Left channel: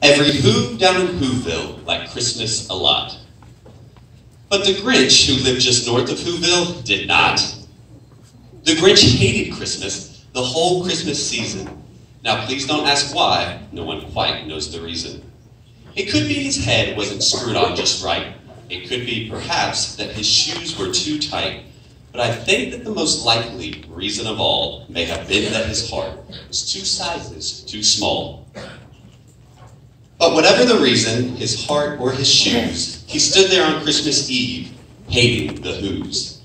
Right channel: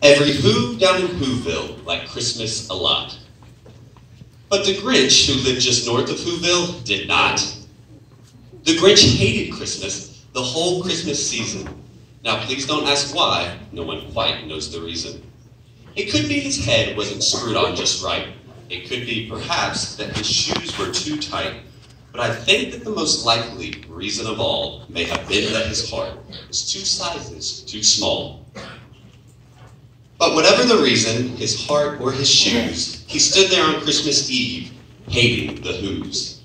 Every Who down in Whoville liked Christmas a lot. But the Grinch, who lived just north of Whoville, did not. The Grinch hated Christmas the whole Christmas season. Now please don't ask why, no one quite knows the reason. It could be his head wasn't screwed on just right. It could be, perhaps, that his shoes were too tight. But I think that the most likely reason of all may have been that his heart was 2 sizes too small. But whatever the reason, his heart or his shoes, he stood there on Christmas Eve, hating the Whos,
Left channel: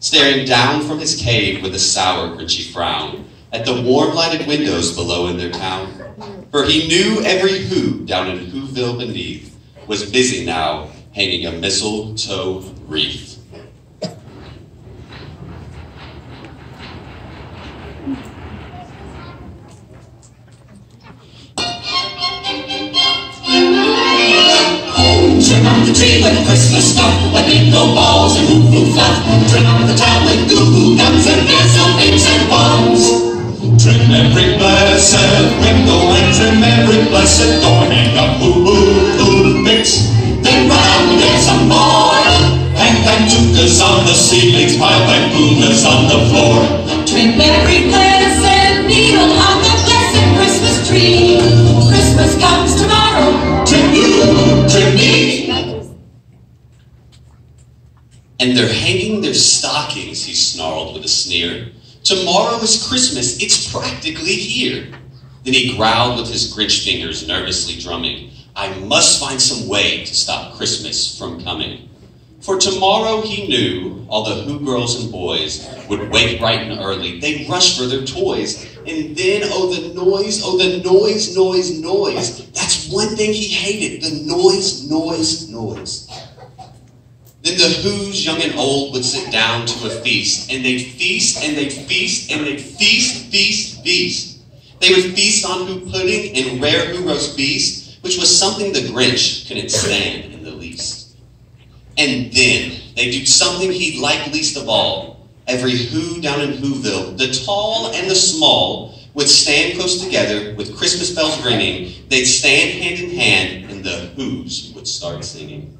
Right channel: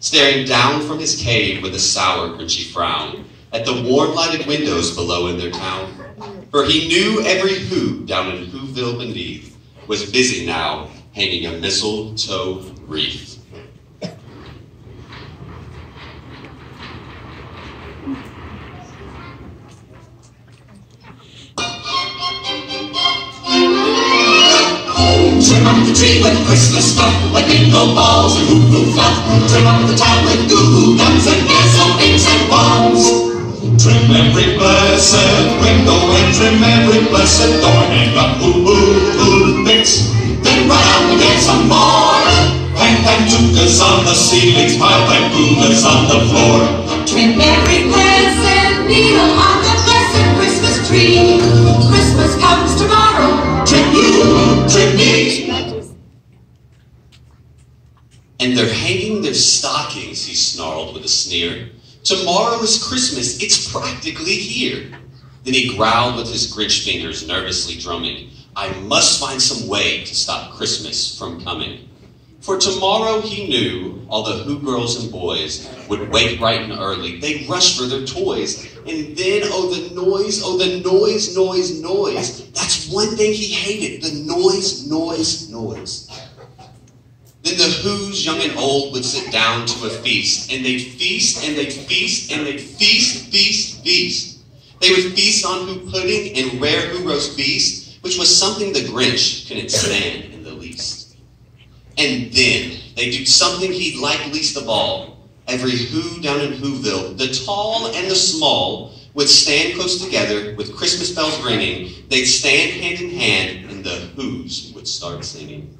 staring down from his cave with a sour, grinchy frown at the warm lighted windows below in their town. For he knew every Who down in Whoville beneath was busy now hanging a mistletoe wreath. Trim up the tree with Christmas stuff, like bingo balls and hoo-hoo fluff. Trim up the town with goo-goo guns and gasolines and bombs. Trim every blessed window and trim every blessed door. Hang up hoo-hoo mix, then run out and get some more. Hang cantucas on the ceilings, pile bamboozlers on the floor. Trim every blessed needle on the blessed Christmas tree. Christmas comes tomorrow. Trim you, trim me. And they're hanging their stockings, he snarled with a sneer. Tomorrow is Christmas, it's practically here. Then he growled with his Grinch fingers nervously drumming. I must find some way to stop Christmas from coming. For tomorrow, he knew, all the Who girls and boys would wake bright and early. They'd rush for their toys. And then, oh, the noise, noise. That's one thing he hated, the noise. Then the Whos, young and old, would sit down to a feast. And they'd feast, and they'd feast, and they'd feast. They would feast on Who pudding and rare Who roast beast, which was something the Grinch couldn't stand in the least. And then they do something he'd like least of all. Every Who down in Whoville, the tall and the small, would stand close together with Christmas bells ringing. They'd stand hand in hand, and the Whos would start singing.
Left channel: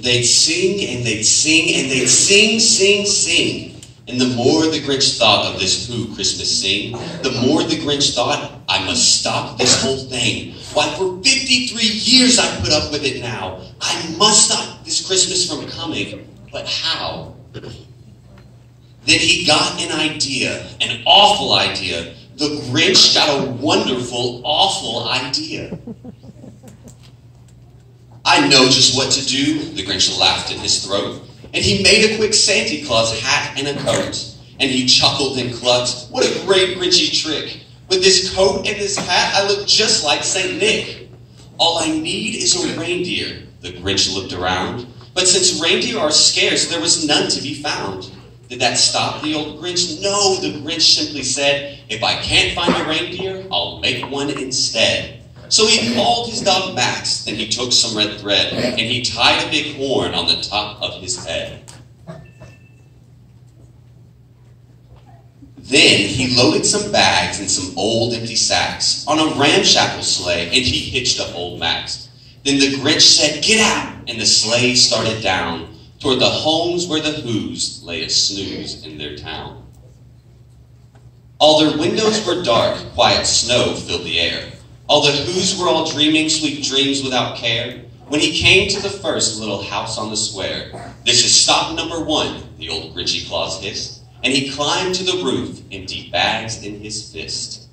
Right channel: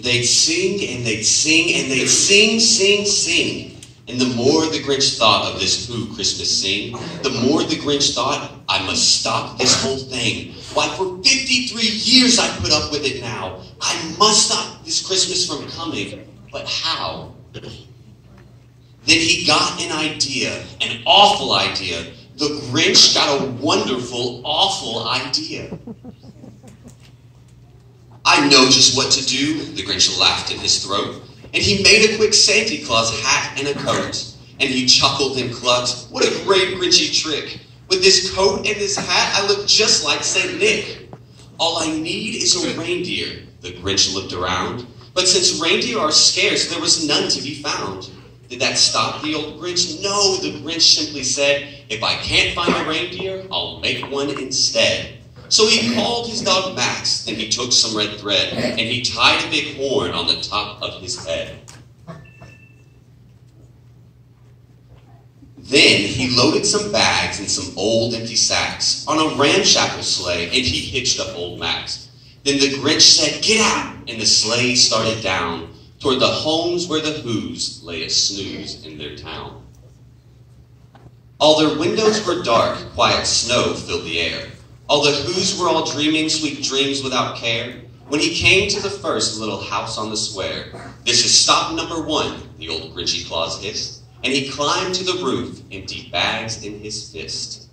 They'd sing and they'd sing and they'd sing. And the more the Grinch thought of this Who Christmas sing, the more the Grinch thought, I must stop this whole thing. Why, for 53 years I put up with it now. I must stop this Christmas from coming. But how? Then he got an idea, an awful idea. the Grinch got a wonderful, awful idea. I know just what to do, the Grinch laughed in his throat, and he made a quick Santa Claus hat and a coat. And he chuckled and clucked, what a great Grinchy trick. With this coat and this hat, I look just like St. Nick. All I need is a reindeer, the Grinch looked around. But since reindeer are scarce, there was none to be found. Did that stop the old Grinch? No, the Grinch simply said, if I can't find a reindeer, I'll make one instead. So he called his dog Max, then he took some red thread, and he tied a big horn on the top of his head. Then he loaded some bags and some old empty sacks on a ramshackle sleigh, and he hitched up old Max. Then the Grinch said, get out, and the sleigh started down toward the homes where the Who's lay a snooze in their town. All their windows were dark, quiet snow filled the air. All the Who's were all dreaming sweet dreams without care. When he came to the first little house on the square, this is stop number 1, the old Grinchy Claus hissed, and he climbed to the roof, empty bags in his fist.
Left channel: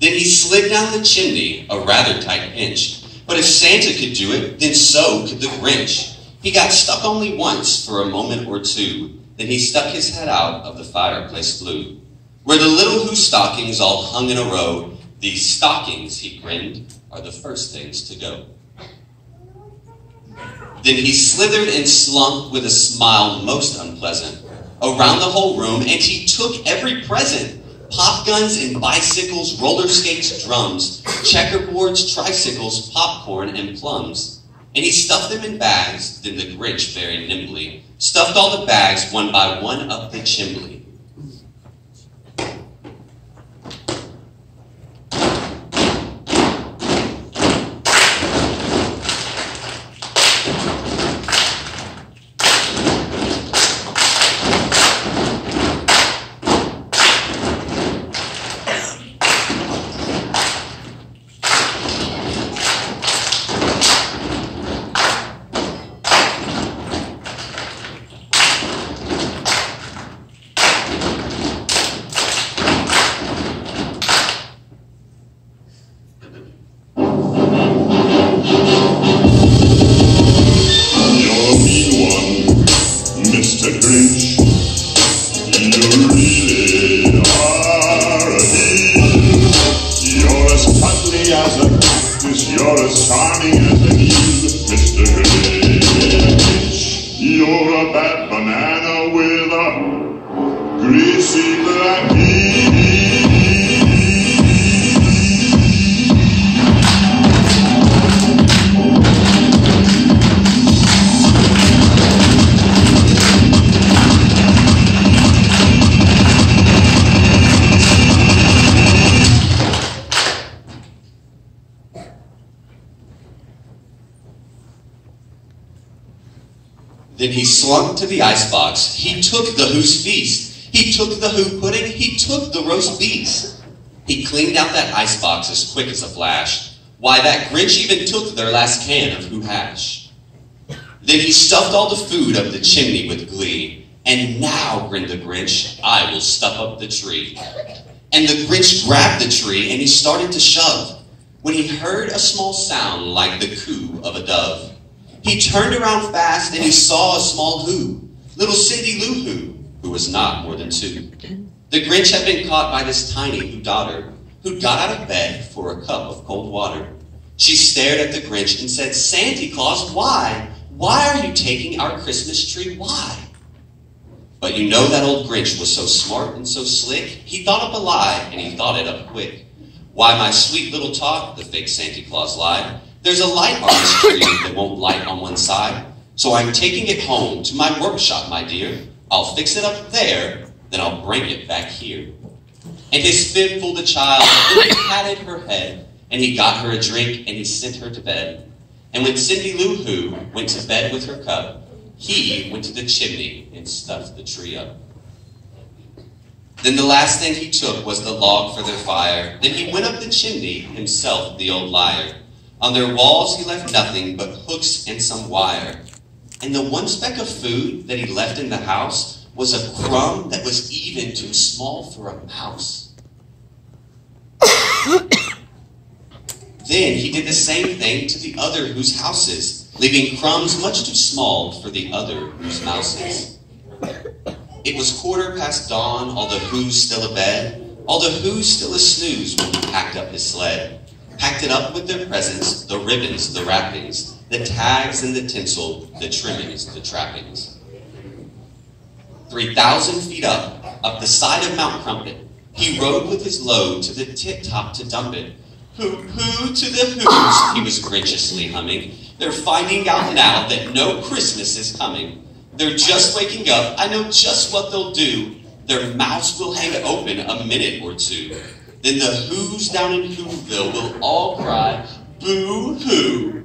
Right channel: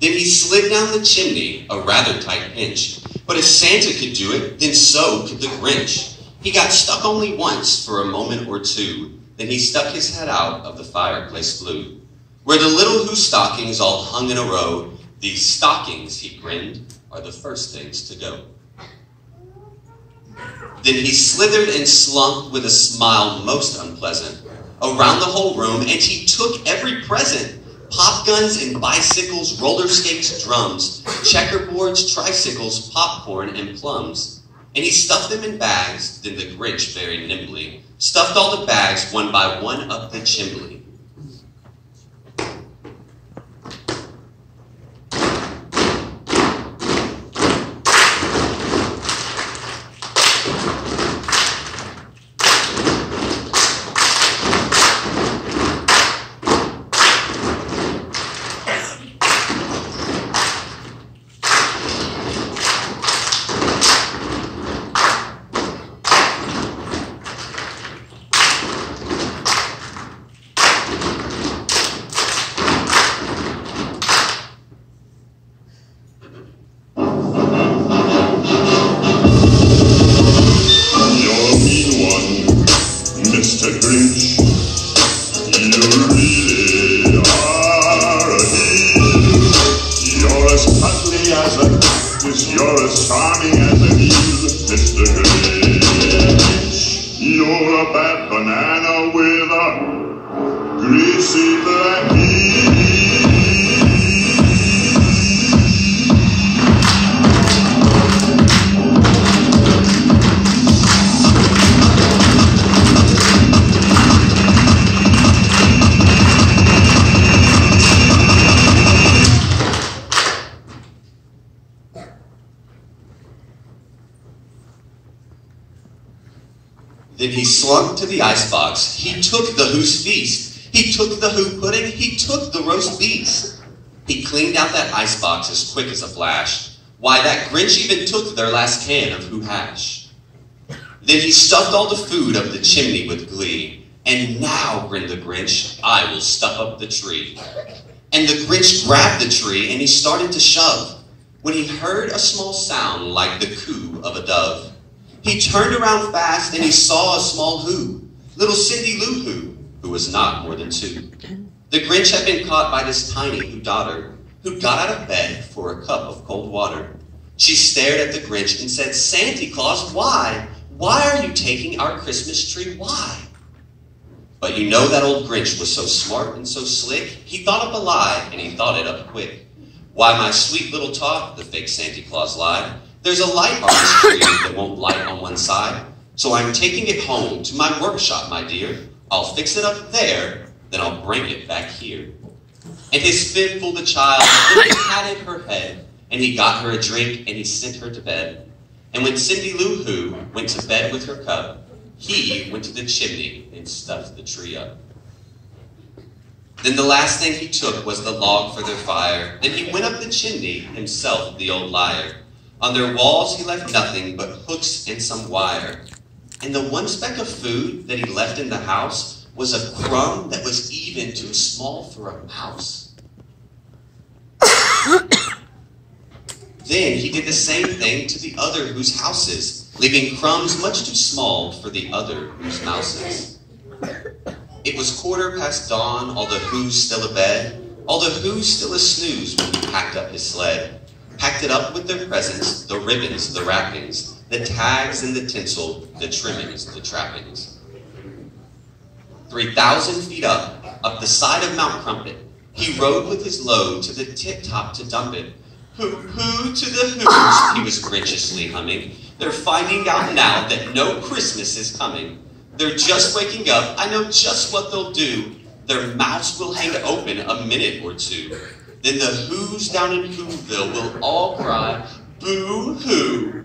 Then he slid down the chimney, a rather tight pinch, but if Santa could do it, then so could the Grinch. He got stuck only once for a moment or two, then he stuck his head out of the fireplace flue, where the little Who stockings all hung in a row. These stockings, he grinned, are the first things to go. Then he slithered and slunk with a smile most unpleasant around the whole room, and he took every present. Pop guns and bicycles, roller skates, drums, checkerboards, tricycles, popcorn, and plums. And he stuffed them in bags, then the Grinch very nimbly stuffed all the bags one by one up the chimney. You're as charming as a heel, Mr. Grinch. You're a bad banana with a greasy black heel. Then he slunk to the icebox. He took the Who's feast. He took the Who pudding. He took the roast beef. He cleaned out that icebox as quick as a flash. Why, that Grinch even took their last can of Who hash. Then he stuffed all the food up the chimney with glee. And now, grinned the Grinch, I will stuff up the tree. And the Grinch grabbed the tree and he started to shove, when he heard a small sound like the coo of a dove. He turned around fast and he saw a small Who, little Cindy Lou who was not more than 2. The Grinch had been caught by this tiny Who daughter, who got out of bed for a cup of cold water. She stared at the Grinch and said, Santa Claus, why? Why are you taking our Christmas tree? Why? But you know that old Grinch was so smart and so slick, he thought up a lie and he thought it up quick. Why, my sweet little tot, the fake Santa Claus lied. There's a light on this tree that won't light on one side. So I'm taking it home to my workshop, my dear. I'll fix it up there, then I'll bring it back here. And his fib fooled the child, and he patted her head, and he got her a drink, and he sent her to bed. And when Cindy Lou Who went to bed with her cup, he went to the chimney and stuffed the tree up. Then the last thing he took was the log for their fire. Then he went up the chimney, himself the old liar. On their walls he left nothing but hooks and some wire. And the one speck of food that he left in the house was a crumb that was even too small for a mouse. Then he did the same thing to the other whose houses, leaving crumbs much too small for the other whose mouses. It was 15:15 dawn, all the who's still abed, all the who's still a snooze when he packed up his sled. Packed it up with their presents, the ribbons, the wrappings, the tags and the tinsel, the trimmings, the trappings. 3,000 feet up the side of Mount Crumpet, he rode with his load to the tip-top to dump it. Hoo-hoo to the whoos, he was grinchiously humming. They're finding out now that no Christmas is coming. They're just waking up, I know just what they'll do. Their mouths will hang open a minute or two. Then the whoos down in Whoville will all cry, boo-hoo.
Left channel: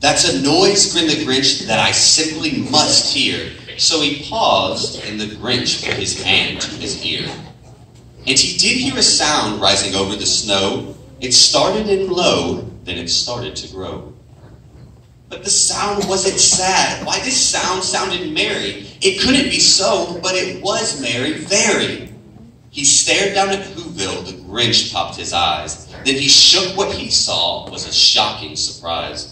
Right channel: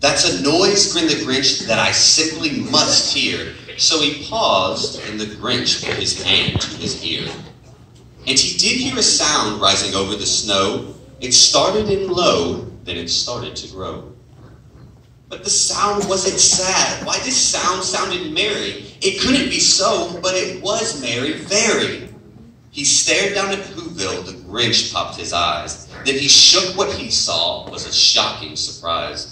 That's a noise, grinned the Grinch, that I simply must hear. So he paused, and the Grinch put his hand to his ear. And he did hear a sound rising over the snow. It started in low, then it started to grow. But the sound wasn't sad. Why, this sound sounded merry. It couldn't be so, but it was merry, very. He stared down at Whoville, the Grinch popped his eyes. Then he shook. What he saw was a shocking surprise.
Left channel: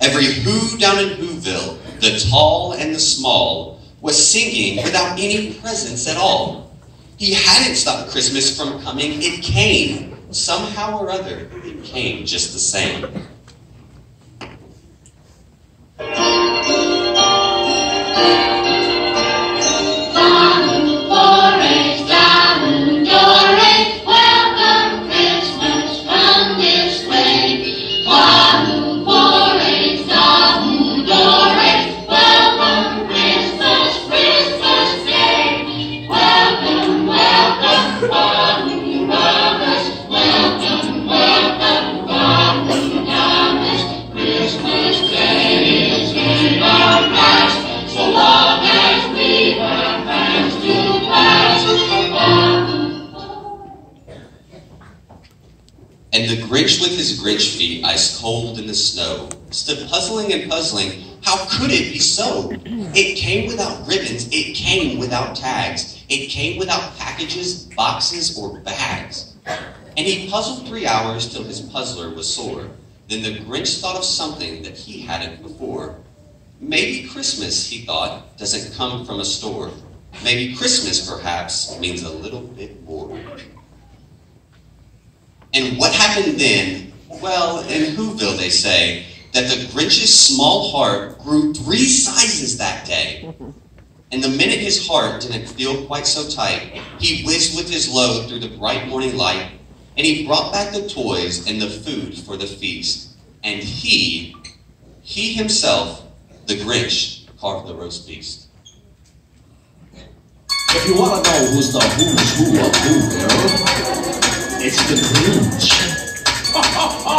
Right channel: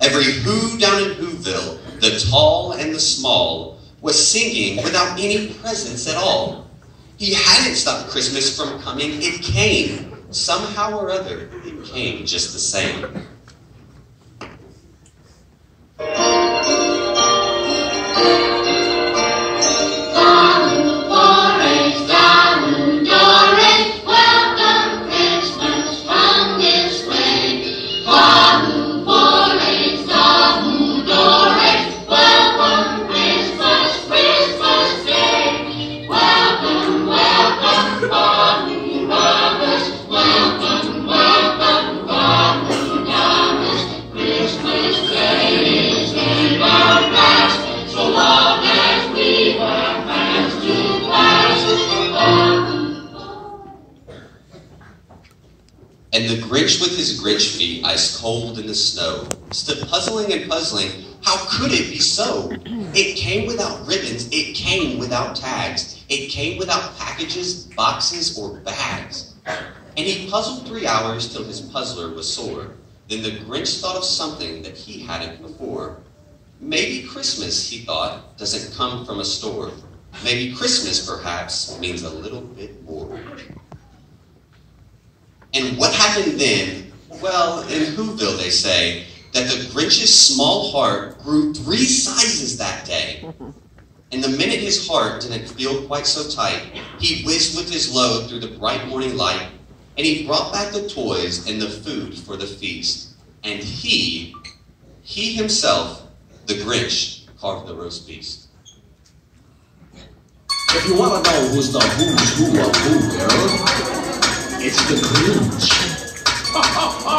Every who down in Whoville, the tall and the small, was singing without any presents at all. He hadn't stopped Christmas from coming. It came. Somehow or other, it came just the same. And the Grinch with his Grinch feet, ice cold in the snow, stood puzzling and puzzling. How could it be so? It came without ribbons. It came without tags. It came without packages, boxes, or bags. And he puzzled 3 hours till his puzzler was sore. Then the Grinch thought of something that he hadn't before. Maybe Christmas, he thought, doesn't come from a store. Maybe Christmas, perhaps, means a little bit more. And what happened then? Well, in Whoville they say that the Grinch's small heart grew 3 sizes that day. And the minute his heart didn't feel quite so tight, he whizzed with his load through the bright morning light, and he brought back the toys and the food for the feast. And he himself, the Grinch, carved the roast beast. If you want to know who's the who's who of Whoville, it's the Grinch. Ha ha ha!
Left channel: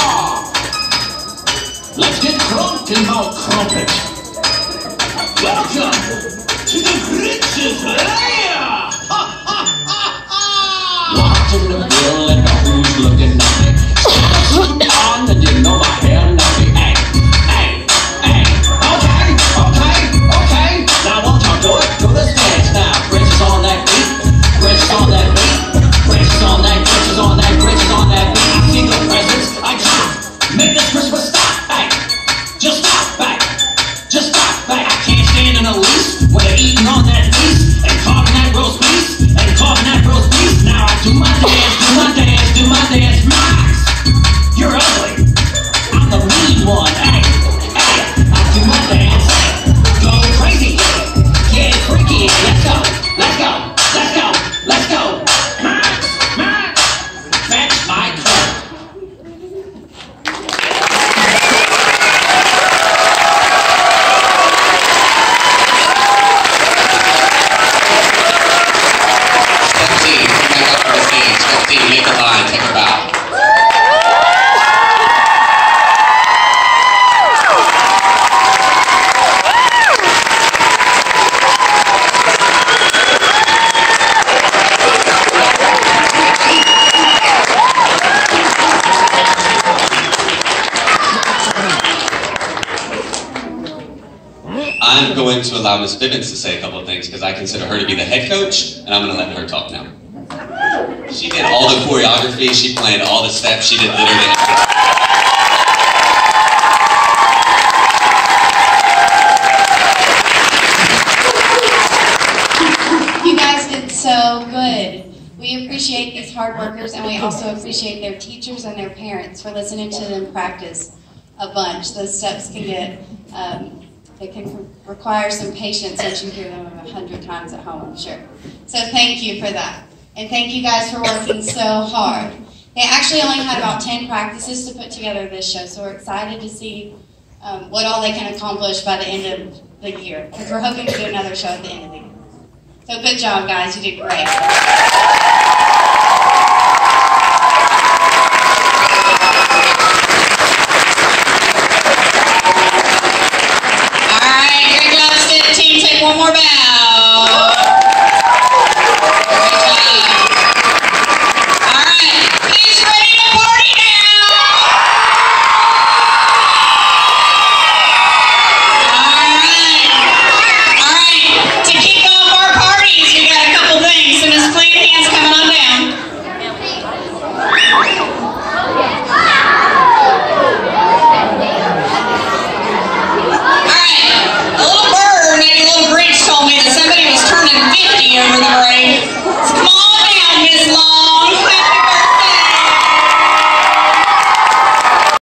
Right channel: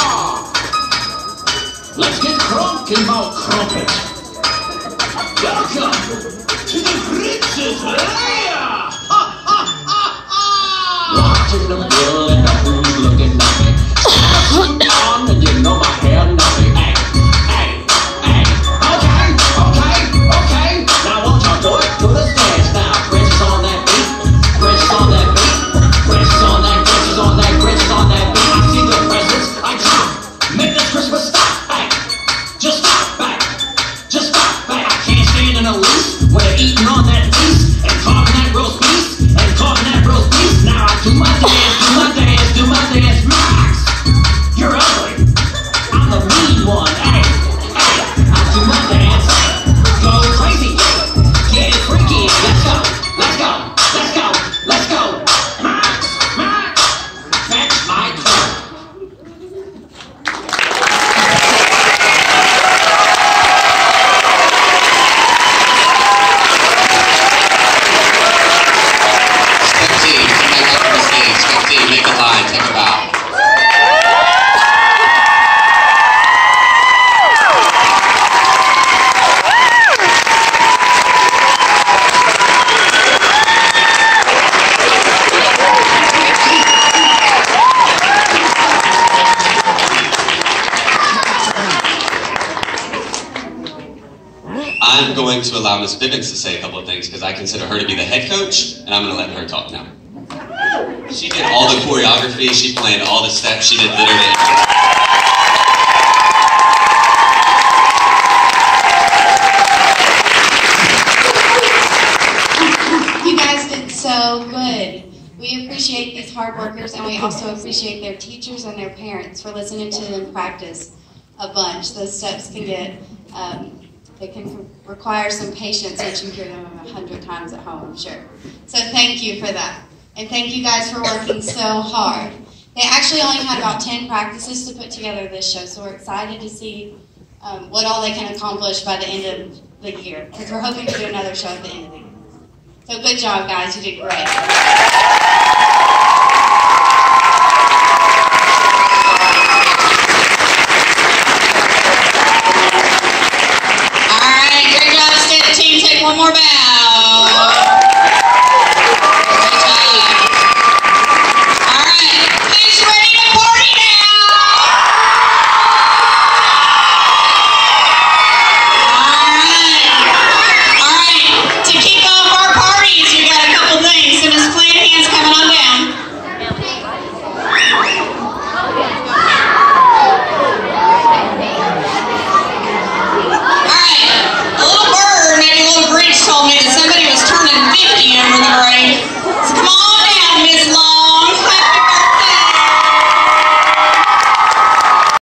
Let's get crunk in Mount Crumpet. Welcome to the Grinch's lair! Ha ha ha ha! Watching the bill and the who's looking at me. Suit on and you know my hair naughty. Hey, hey, hey. Okay. Now won't y'all do it? Do the dance now. Grinch is on that beat. Grinch is on that beat. Grinch is on that. Grinch is on that. Grinch is on that beat. I see the present. I'm going to allow Miss Bibbins to say a couple of things because I consider her to be the head coach, and I'm going to let her talk now. She did all the choreography, she planned all the steps, she did literally everything. You guys did so good. We appreciate these hard workers, and we also appreciate their teachers and their parents for listening to them practice a bunch. Those steps can get, they can require some patience as you hear them 100 times at home, I'm sure. So thank you for that. And thank you guys for working so hard. They actually only had about 10 practices to put together this show, so we're excited to see what all they can accomplish by the end of the year, because we're hoping to do another show at the end of the year. So good job, guys. You did great.